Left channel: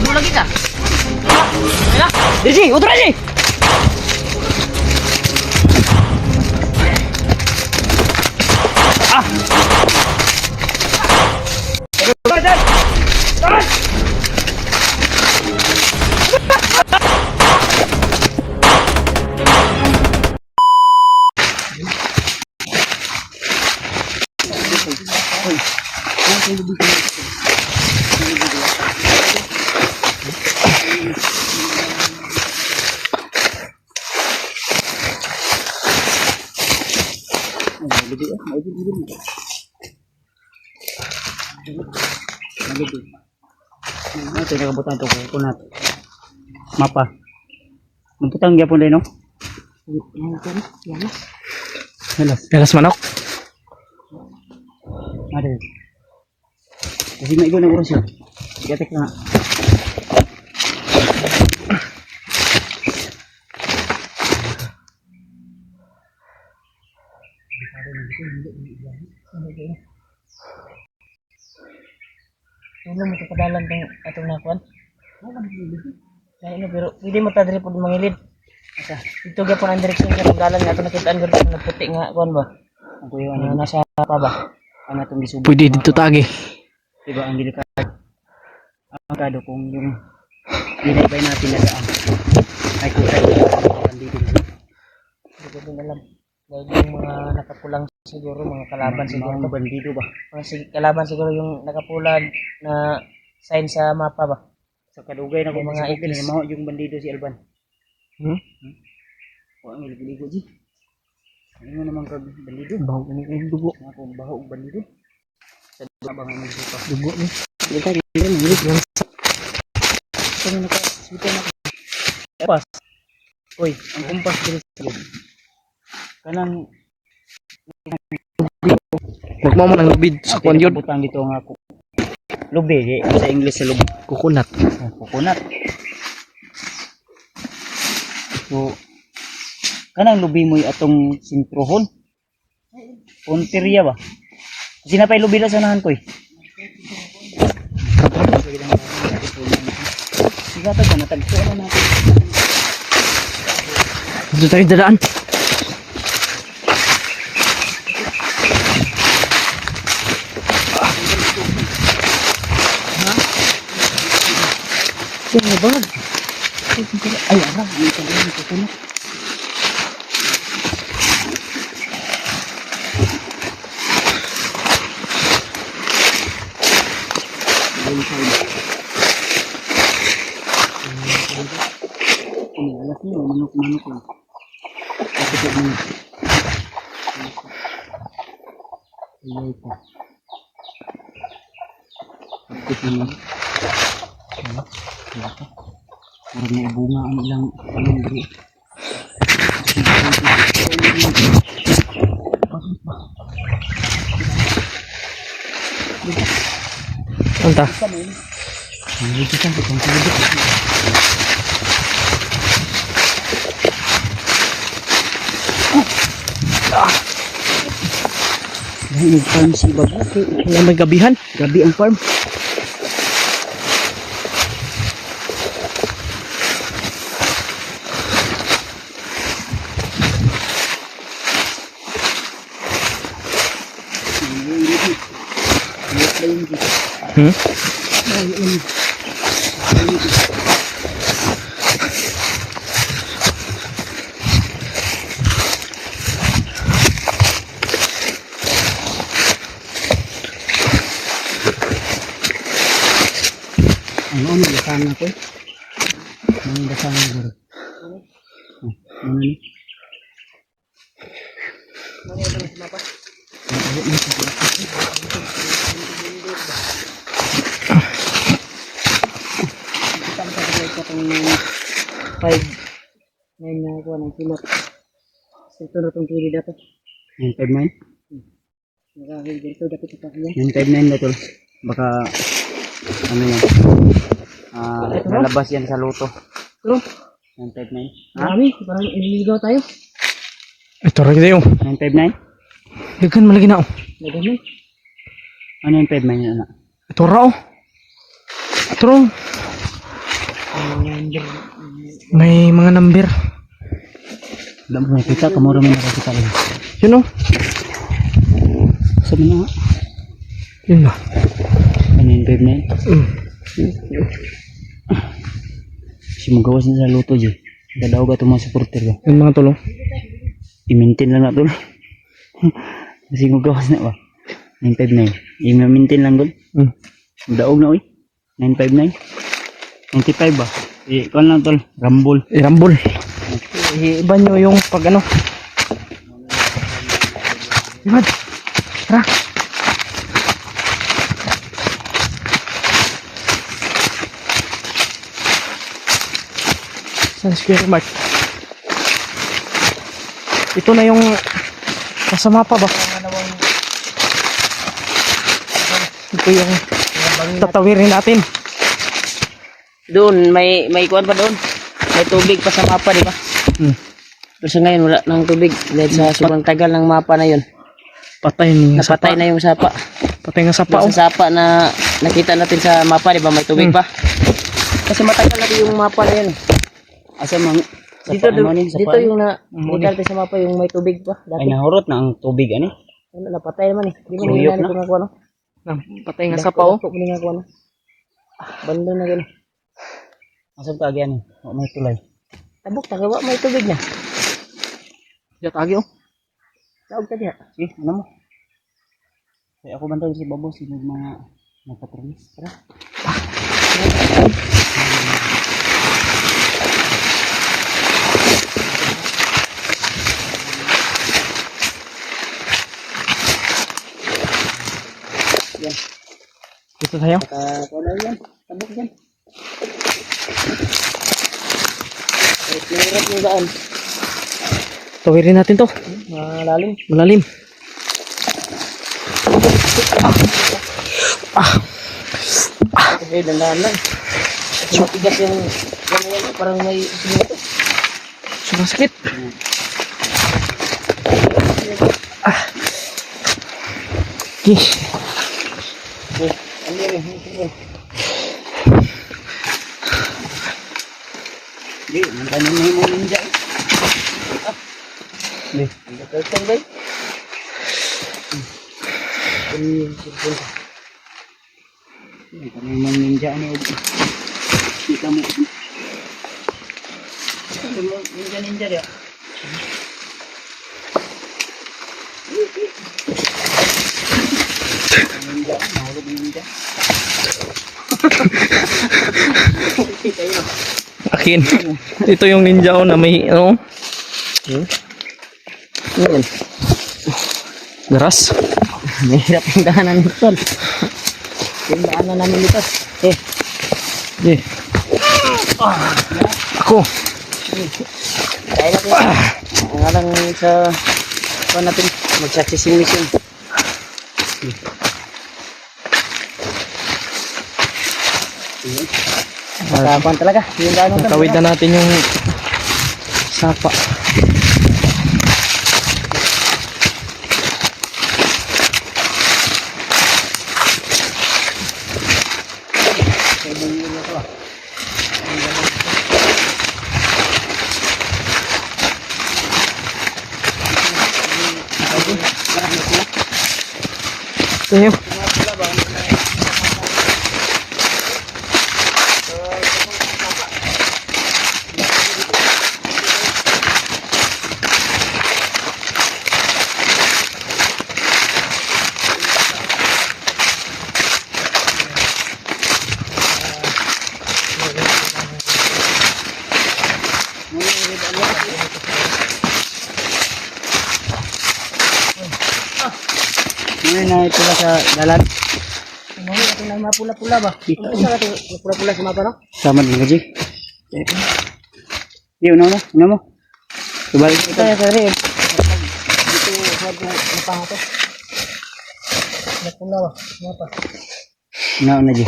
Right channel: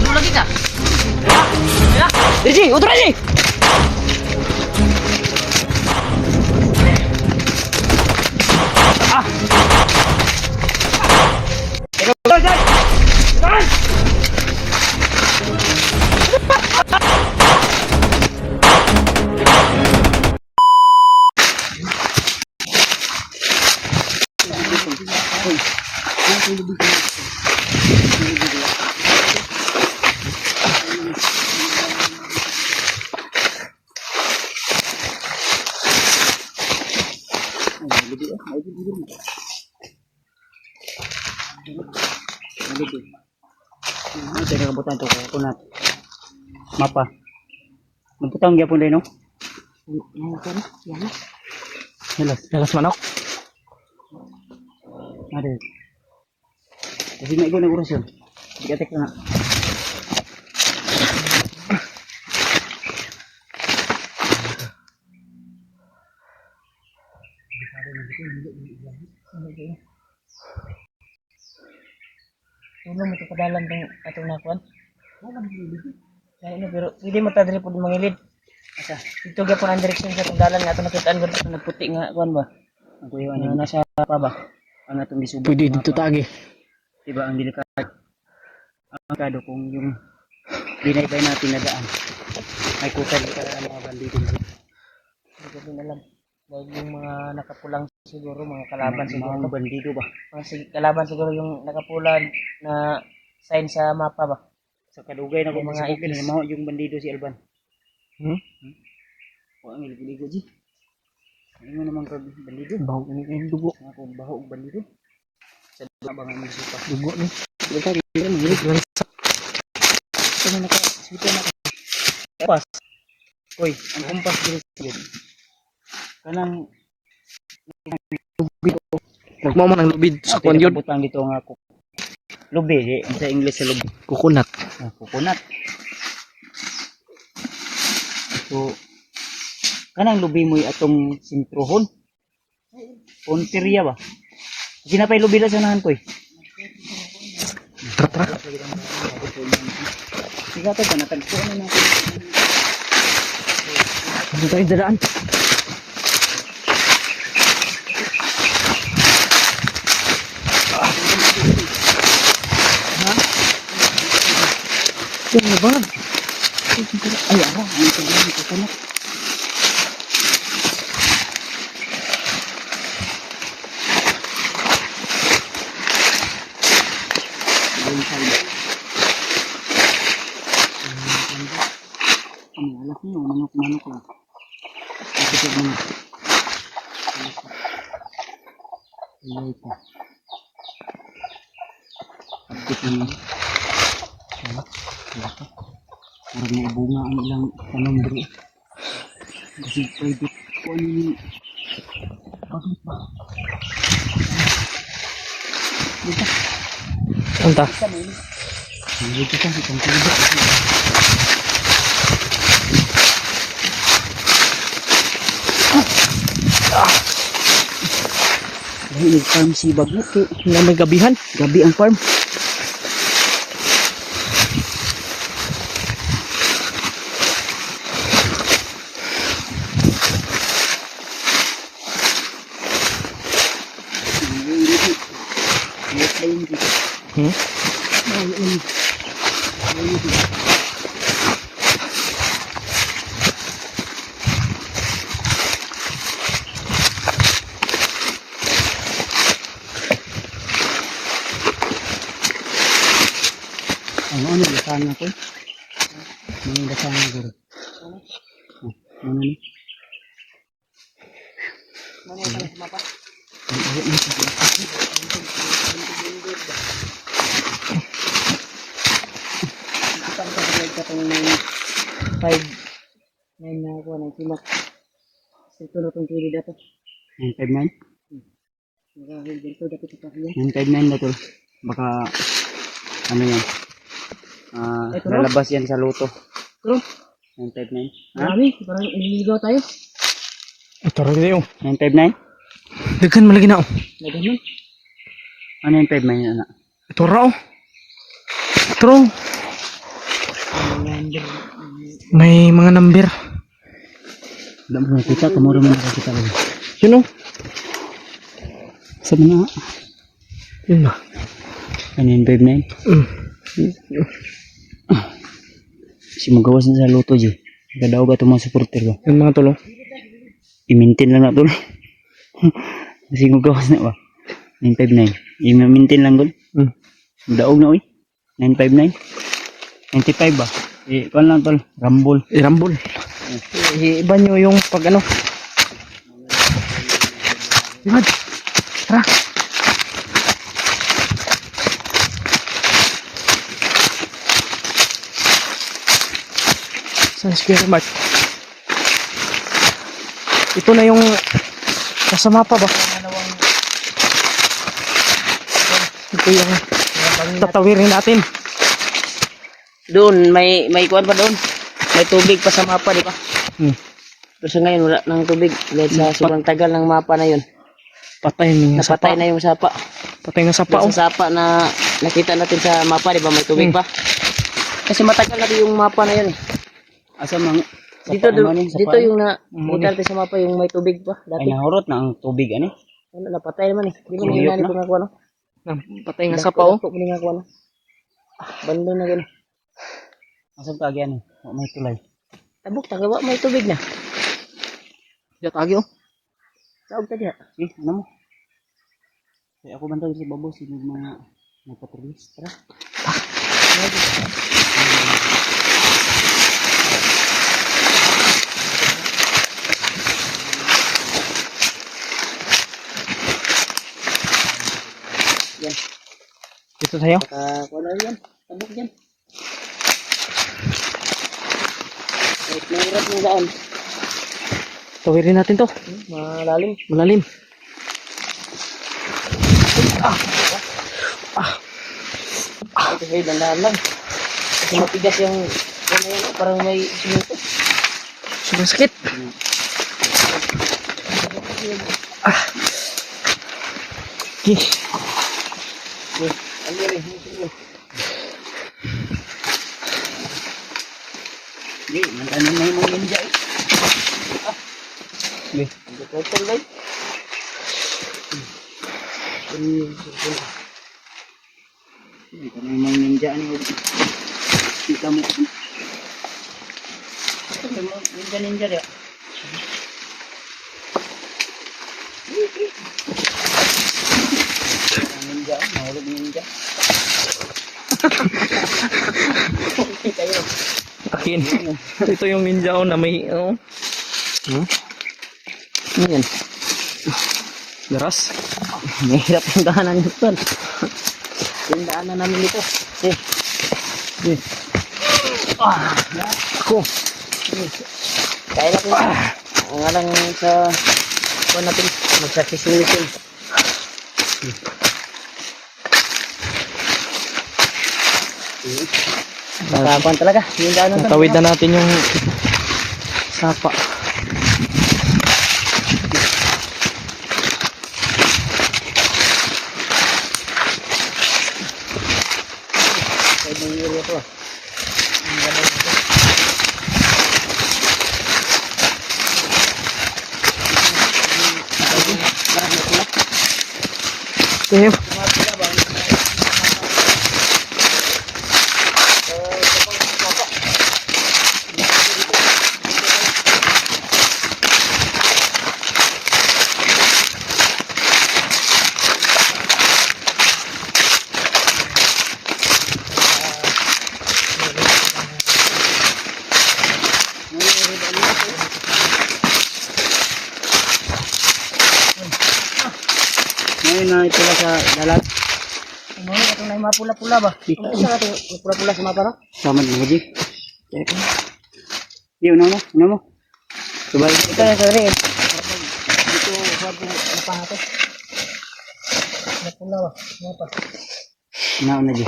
Bunuh lagi kah? Diri, utra ni. Ito nakabutan to ko na mapa. Nabutang gyapon din no. Yalas manok. Ada. Kasi may igo na orasyon. Gatek na. Tulong mo ito padalan itong atong nakuan. Kaya pero pwede mo ta diri pud mangilid. Ito gyapon ang direksyon sa pagdalan nga atong nakitaan pero nagputi nga kuan ba. Ang kuyo ano Nasa pa ba? ang atong gisubo. Pwede dito tagi. Diba ang delikado. Ang kado kung yung binaybay natin na daan. Ay kusa ang bandito. Hindi ko din alam. Dahil yung mga nakapulang siguro, mga kalaban siguro. Mga bandido ba? Mga kalaban siguro yung nakapulan na sign sa mapa ba? Sa kadugay na kung Yung mga mga ipin ipis. na yung bandido si Alban. O ang iligo ji. Ano mo naman kag bandido? Baho ini kayo dugo. Ako baho og bandido. Sa abang ang iligo pa. Dugo ni. Kita dili mo iligo lang sa. Kano naka sita na ko. Kompas. Oy, ang kompas diri sa loob. Kanang Magmao man ang lubid sa kwan yun. butang dito nga ako. Lubi, sa English sa lubi. Kukunat. Coconut. So, kanang lubi mo atong sintrohon. Ponteria ba? Sinapay lubi na sa nahan ko eh. Trapa. Sila to ba natagpuan na natin. Dito tayo dadaan. Ano ba? Ay, ara, ang ito din ang coconut. Alas niyo, manok-manok lang. Ito mo. Ay, pa. Ito mo. Parang may bunga ang ilang panundri. Anta. Dito ka, itong tulog. May farm si Babu. Nga may gabihan. Gabi ang farm. Ano dasana ko? Ano dasana ko? Ano ni? Kita mo sa ka itong 5 na kuha ng kilot. Ito na itong kili dapat. 959? Nakahil dito dapat ito kaya. 959 na tol. Baka ano yan? Lalabas yan sa luto. Pero, 959. Ha? marami. Parang ililigaw tayo. Ito rin kayo. 959? Daghan malagi na oh. Nagano? Ano yung 59 na? Ito ra oh. Ito ra, oh. May mga number. Wala mo nakita, kamuro mo nakakita lang. Yun oh. Sabi niya nga. Yun ba? Ano yung 59? Si magawas na sa luto dyan. Gadaw ba itong mga supporter ba? Yung mga tulong. I-maintain lang na ito. Kasi magawas na ba? 959. I-maintain lang doon. Daog na uy. 959. 95 ba? Kuan lang tol. Rambol. Irambol. Iba nyo yung pag ano. Ibad. Tara. San Square Mart. Ito na yung nasa mapa ba? Ito yung tatawirin natin. Doon, may kuwan pa doon. May tubig pa sa mapa, di ba? Pero sa ngayon, wala nang tubig. Dahil sa sobrang tagal ng mapa na yun. Patay ni Napatay sapa. na yung sapa. Patay nga sapa oh. Sa sapa na nakita natin sa mapa, di ba? May tubig pa. Kasi matagal na din yung mapa na yun eh. Asa mang... Dito, dito yung Muni. nakita natin sa mapa, yung may tubig pa. Ay Dati. nahurot na ang tubig ano? Ano, napatay naman eh. Di mo Tuyok nangyari na. kung nga kuwan, no? Patay nga sapa oh. Dako nga kuwan, no? Bando na gano'n. Asa ka agyan? May tulay. Tabok, tagawa, may tubig na. Diyan tagi oh. Taog ka diha. Ano mo? Kaya ako bantay sa babo sino mga nagpatrollis. Tara. Yan. Dito tayo. Kuwan na yan. Tabok dyan. Kahit mahirap yung daan. Tawirin natin to. Malalim. Malalim. Okay, dandahan lang. Kasi matigas yung ano yan, parang may sinuto. Sobrang sakit. Okay. Okay, ano yun? Di, mantanin mo yung mga ninja. Di, ang turtle ba? Ito na yung mga ninja ano. Kita mo. Ito mo ninja rin. Ninja, mahulog ninja. Akin. Ito yung ninja ko na may ano. Yun. Garas. Mahirap yung daanan nito. Yung daanan namin dito. Eh, Okay. Ako. kaya natin. Ang alang sa kuwan natin. Sa fishing mission. Nakakuan talaga. Yung daanan talaga. Natawid na natin yung sapa. Kaya yung area ko ah. Tayo. Ngayon na ito ba sa dalat? Ano yun? Itong na yung mapula-pula ba? Ano isa ka itong mapula-pula sa mapa no? Sama din gaji. Di, una mo. Subalik Ito na sa rin. Dito sa napanga to. Mapula ba? Mapa. na di.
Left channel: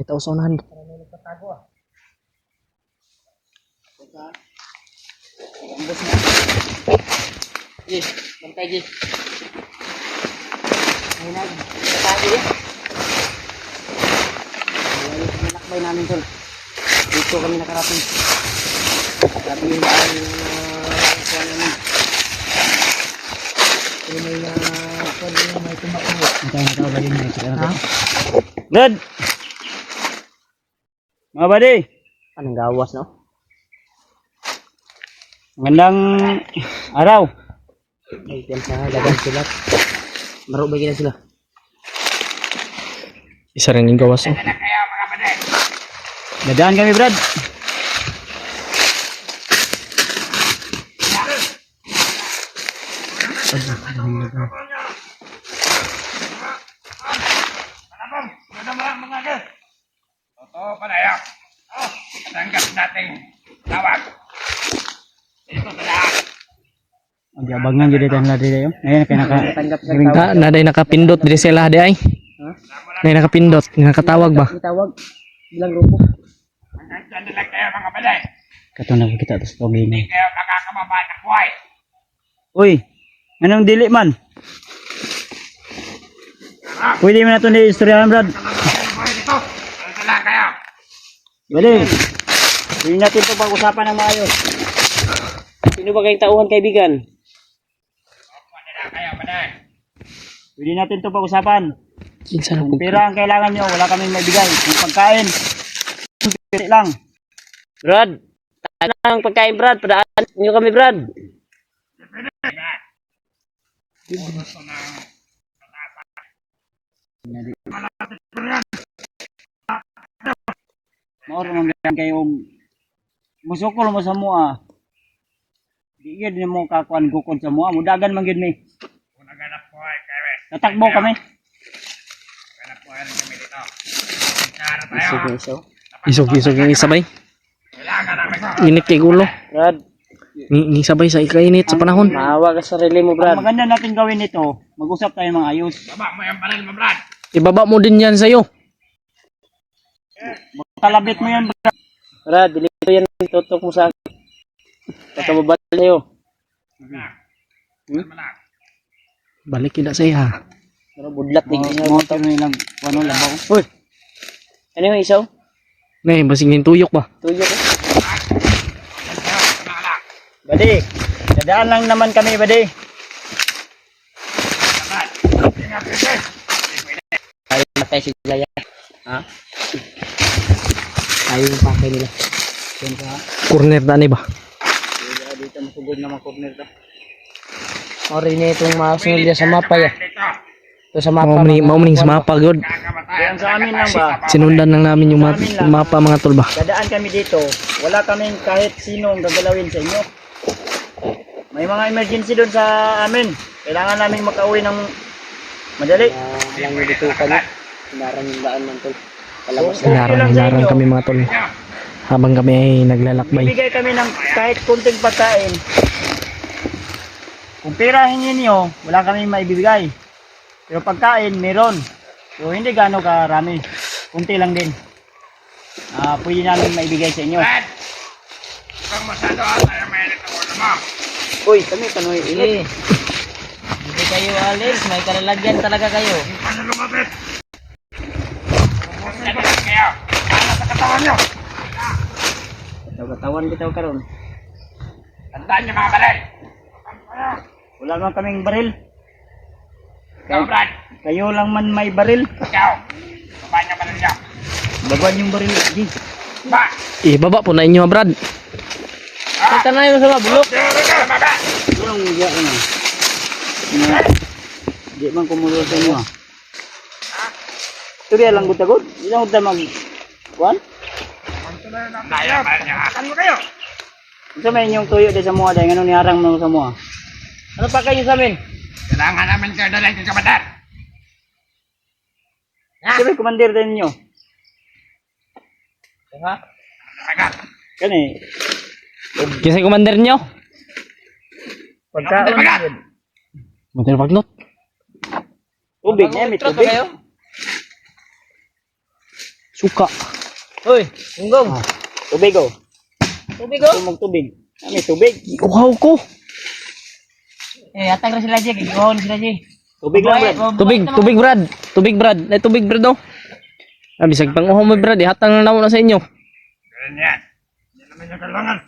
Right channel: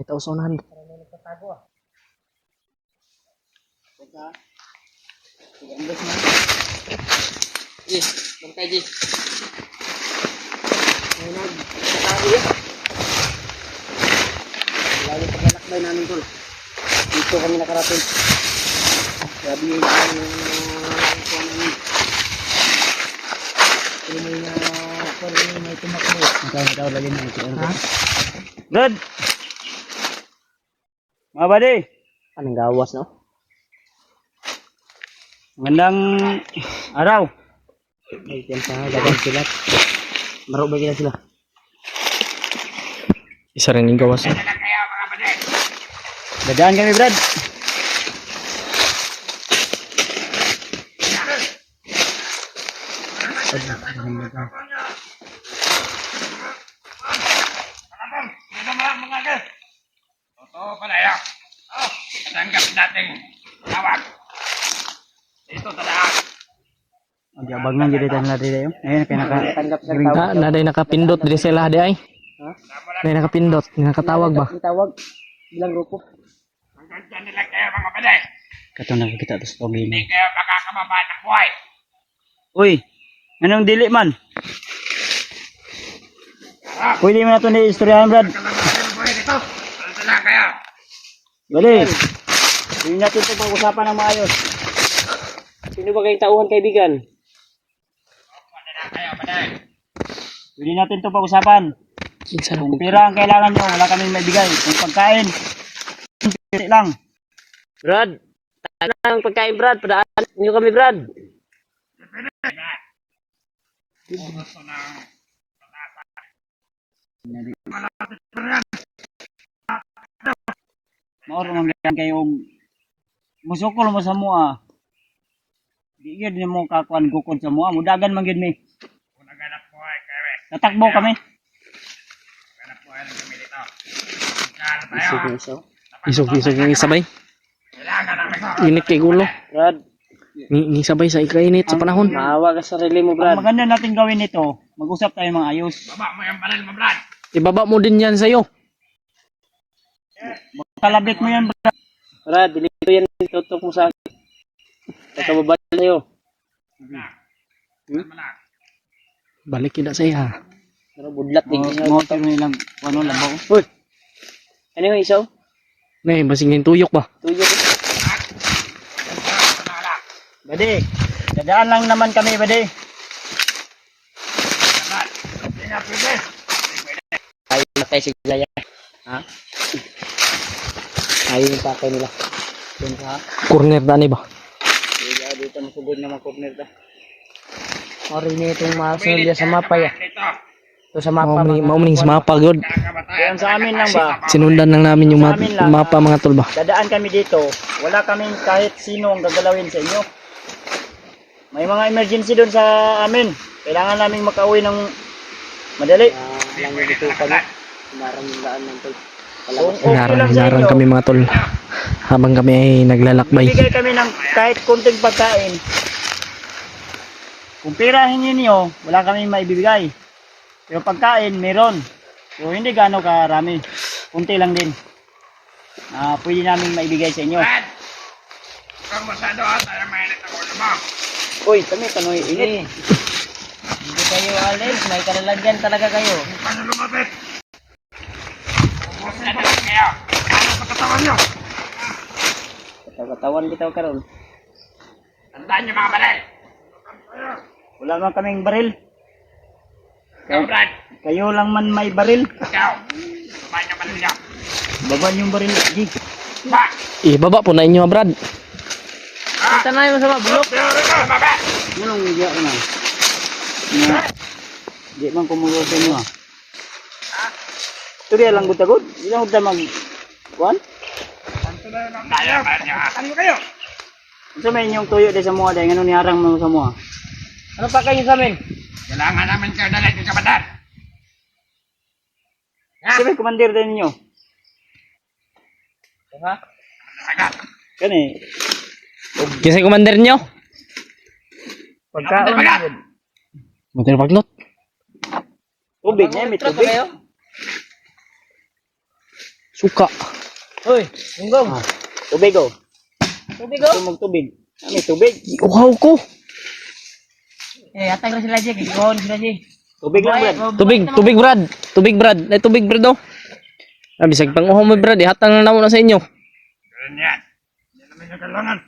May tausunan. Ji, bantay Ji. Ayun, tayo eh. Lalo pa nanakbay namin tol. Dito kami nakarating. Sabi yung kuha namin. Pero may tumakbo. Ito lagi na ito. Ha? Brad! Mga buddy! Anong gawas no? Magandang araw. May tiyansa nga, gagawin sila. Marubay kila sila. Isa rin yung gawas. Dadaan kami, Brad. Totoo pala yan. Katanggap nating tawag. Dito sa lahat. Ang abang nang gede tayo na dito. Ayan, kaya Tanggap sa tawag. Naday nakapindot diri sila di ay. Ha? Naday nakapindot, nakatawag ba? May tawag. Bilang grupo. Hanggang dyan nila kayo mga baday. Katong nakakita to sa togi Hindi na. kayo makakababa ng buhay. Uy, anong dili man? Pwede mo na ito ni-istoryahan, Brad. Kalabas ng buhay dito. Ano lang kayo? Bali. Pwede natin ito pag-usapan ng maayos. Sino ba kayong tauhan kaibigan? Ano lang kayo baday? Pwede natin ito pag-usapan. Kinsa na Kung pera ang kailangan nyo, wala kami maibigay. Kung pagkain, pili lang. Brad. Ano ang pagkain Brad? Padaan niyo kami Brad. Gusto ng Mauro nang ganyan kayo. Musukol mo sa mua. Di yun mo kakuan gukod sa mua. Mudagan man gid mi. kung naganap buhay kayo. Tatakbo kami. Naganap buhay rin kami dito. Kaya tayo. Sige, so. Isog-isog yung isabay. Kailangan namin. Init kay gulo. Brad, Ni sabay sa ikainit sa panahon. maawa ka sa sarili mo Brad. Ang maganda natin gawin ito, mag-usap tayo mga ayos. Baba mo yung baril mo, Brad. Ibaba mo din yan sa'yo. Kalabit mo yan, Brad. Brad, dito yan tutok mo sa akin. Kakababal sa'yo. Malang. Balik kita sa iya. Pero budlat din niya mo to. Lang, ano lang. Uy! Ano yung isaw? Nay, basingin tuyok ba? Tuyo ko. Badi, dadaan lang naman kami, Badi. Ingat dito. Ayaw matay si Jaya. Ha? Ayaw yung pakay nila. Corner na ni ba? Dito masubod na mga corner ta. Sorry na itong mga sunod sa mapa ya. Dito. Ito sa mapa. Maumaning sa mapa god. Kakabatayan Sa amin lang ba? Sinundan lang namin yung mapa mga tol ba? Dadaan kami dito. Wala kaming kahit sino ang gagalawin sa inyo. May mga emergency doon sa amin. Kailangan namin makauwi ng madali. Lang yung dito kami. Hinarang yung daan ng tol. Palabas na. Hilarang kami mga tol. Habang kami ay naglalakbay. Bigay kami ng kahit kunting pagkain. Kung pera hingin niyo, wala kami maibibigay. Pero pagkain, meron. So hindi gaano karami. Kunti lang din. Pwede namin maibigay sa inyo. Brad! Kung masyado tayo mainit ang ulo mo. Uy, kami kanoy init. Hindi kayo alis. May kalalagyan talaga kayo. Paano lumapit? Ubusin na lang kayo. Paano sa katawan nyo? Katawan bitaw karon. Tandaan nyo mga balay. Wala man kaming baril. Ikaw, Brad. Kayo lang man may baril. Ikaw. Baba nyo balay nyo. Dagwan yung baril. Gi. Ba! Ibaba po na inyo Brad. Kita na yung sama. Bulok. Dito ka, baba! Tulong niya ko na. Di man kumulo sa inyo. Turiya lang butagod. Di lang udah mag... Kuan? Naya, bayar nyo. Akan mo kayo. Ito may inyong tuyo di sa mga dahil anong niharang mo sa mga. Ano pa kayo sa amin? Kailangan namin kayo dalhin kay Kabatar. Sino kumandir din ninyo? Ha? Sagat. Kani. Kisay commander nyo? Pagkaon. Sagat. Motor paglot. Tubig niya, may tubig. Suka. Hoy, tunggong. Tubig oh. Tubig oh. Tumog tubig. Ano tubig? Uhaw ko. Atang ra sila Jay, gigawon sila Jay. Tubig lang Brad. Tubig Brad. Tubig Brad. Ay tubig Brad daw. Bisag pang uhaw mo Brad, ihatang na namo na sa inyo. Ganyan. Hindi naman niya kailangan.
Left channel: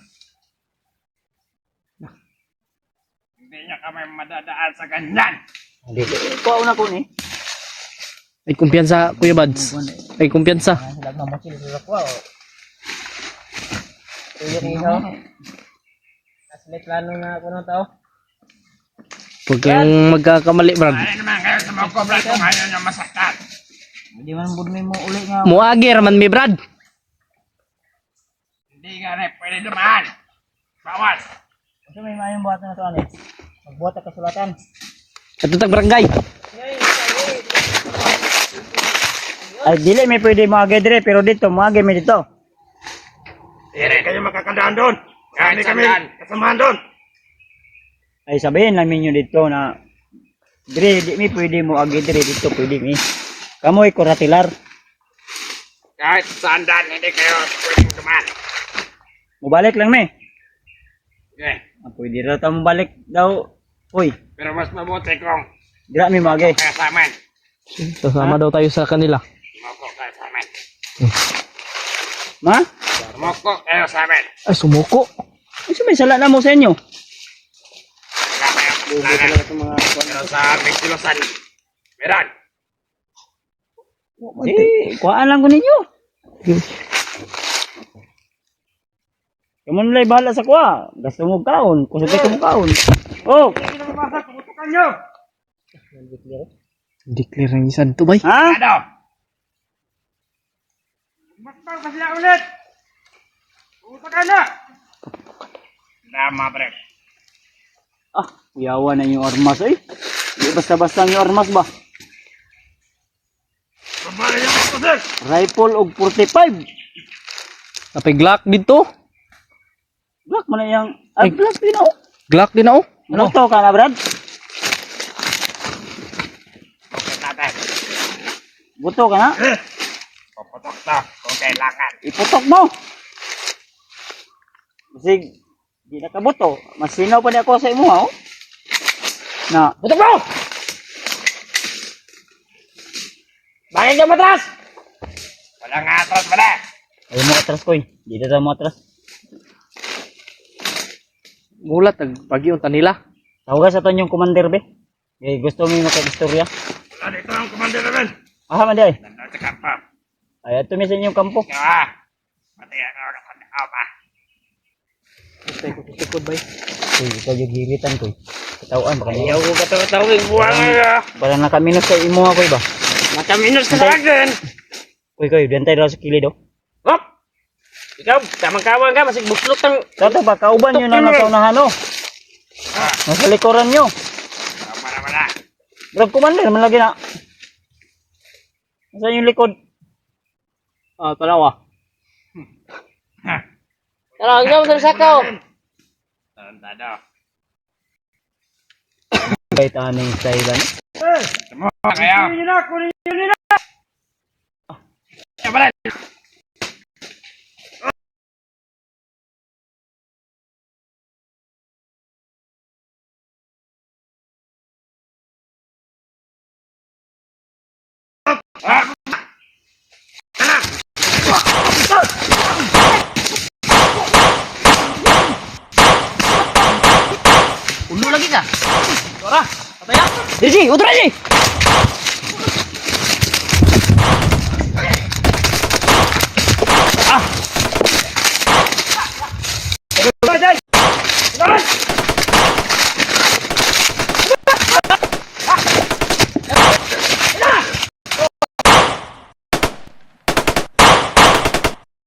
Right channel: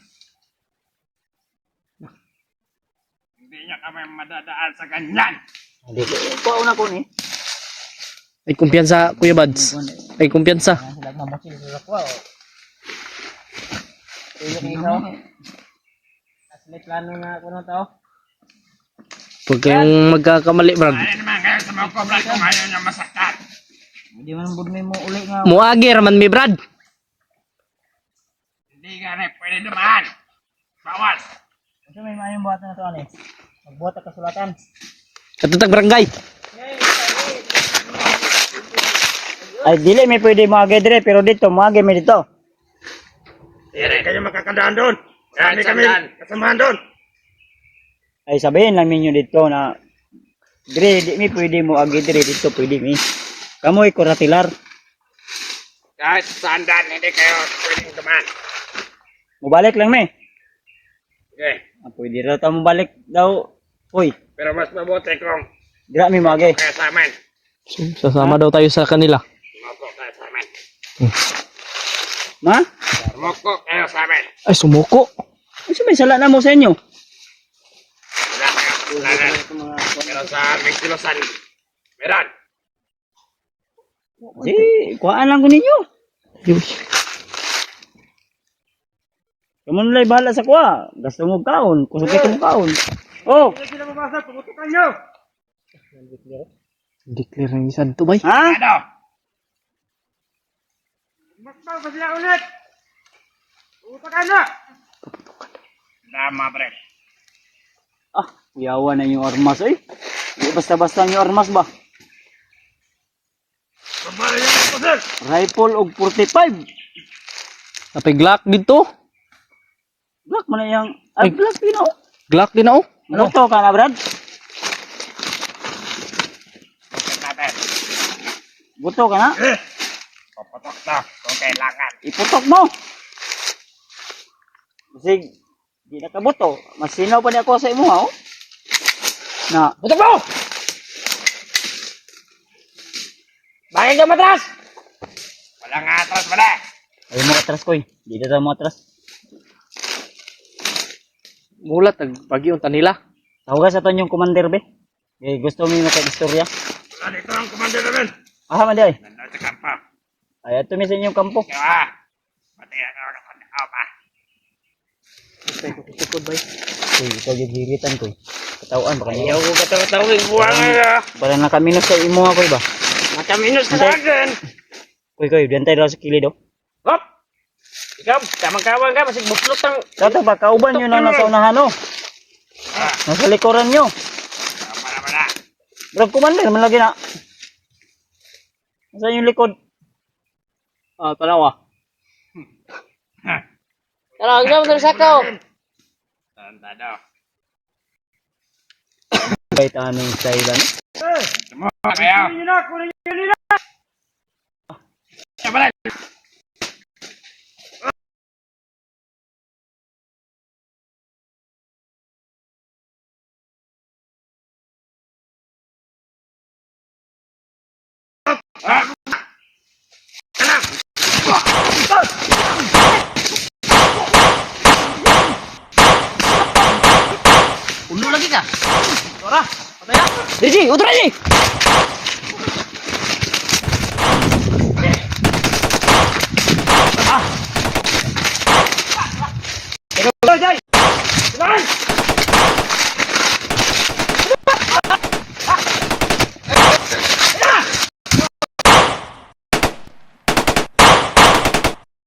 Hindi niya kami madadaan sa ganyan. Hindi. Kuha una ko ni. Ay kumpiyansa Kuya Bads. Ay kumpiyansa. Sila mamukil sila ko. Kuya Riho. Asli plano na ako ng tao. Huwag kayong magkakamali Brad. Ano naman kayo sa mga kobra kung ayaw niya masaktan? Hindi man budmi mo uli nga. Muagi raman mi Brad. Hindi ka rin pwede dumaan. Bawas. Ito may mayong buhat na ito ani. Magbuhat ka kasulatan. Katutag barangay. Ay dili may pwede mga dire pero dito mga may dito. Hindi kayo makakandaan doon. Kaya hindi kami kasamahan doon. Ay sabihin namin nyo dito na dire di mi pwede mo agi dire dito pwede mi. Kamoy kuratilar. Kahit saan daan, hindi kayo pwedeng dumaan. Mubalik lang mi. Okay. Pwede raw ta mubalik daw. Uy, Pero mas mabuti kung dira mi mga kaya sa amin. Sasama daw tayo sa kanila. Moko kayo sa amin. Ma? Moko kayo sa amin. Ay sumuko. Ano may sala na mo sa inyo? Wala kayo kailangan. Pero sa aming kilosan, meron. Di, kuhaan lang ko ninyo. Kamu nalay bahala sa kuha. Gasto mo kaon. Kusupit mo kaon. Oh, Hindi na mabasa, tumutukan nyo. Declare ng isan to bay. ha? Ano? Mas pa sila ulit. Tumutukan na. Tama, pre. Ah, yawa na yung armas eh. Di basta-basta yung armas ba? Pabala niya ako, sir. Rifle og 45. Napay Glock dito. Black man na yung... Ay, black din ako. Glock din ako. Ano to ka na, Brad? Okay natin. Buto ka na? Papatok na kung kailangan. Iputok mo. Kasi, di na kabuto. Masinaw pa na ako sa imo, ha? Oh? Na, Butok mo! Bakit ka matras? Walang atras pala. ayaw mo atras ko eh. Di na mo atras. Gulat pagi unta nila. Tawagan sa ton yung commander, be. Eh, gusto mo yung makag-istorya? Wala dito ang komando namin. Ah, mandi ay. Nandun sa kampo. Ay, ito mi sa inyong kampo. Kaya, pati ako nakakandaaw pa. Tukod bay. Uy, ikaw yung giritan ko eh. Katawan, baka Ayaw niya. ko katawag-tawag buwan nga. Parang nakaminos sa imo ako ba? Mataminos ka sa akin. Kuy, dantay daw sa kilid oh. Hop! Ikaw, tamang-kawang ka, masig buklot ang... Tato ba, kauban nyo na nasa unahan oh. Ah, Nasa likuran nyo. tama naman na. Bro, commander, man lagi na. Nasa yung likod. Ah, tanawa. Ha! Tara, ikaw sa sakaw. Tantado. Kahit anong style ano. Tamo kayo. Balik! Ulo lagi ka. Diji, utra Diji.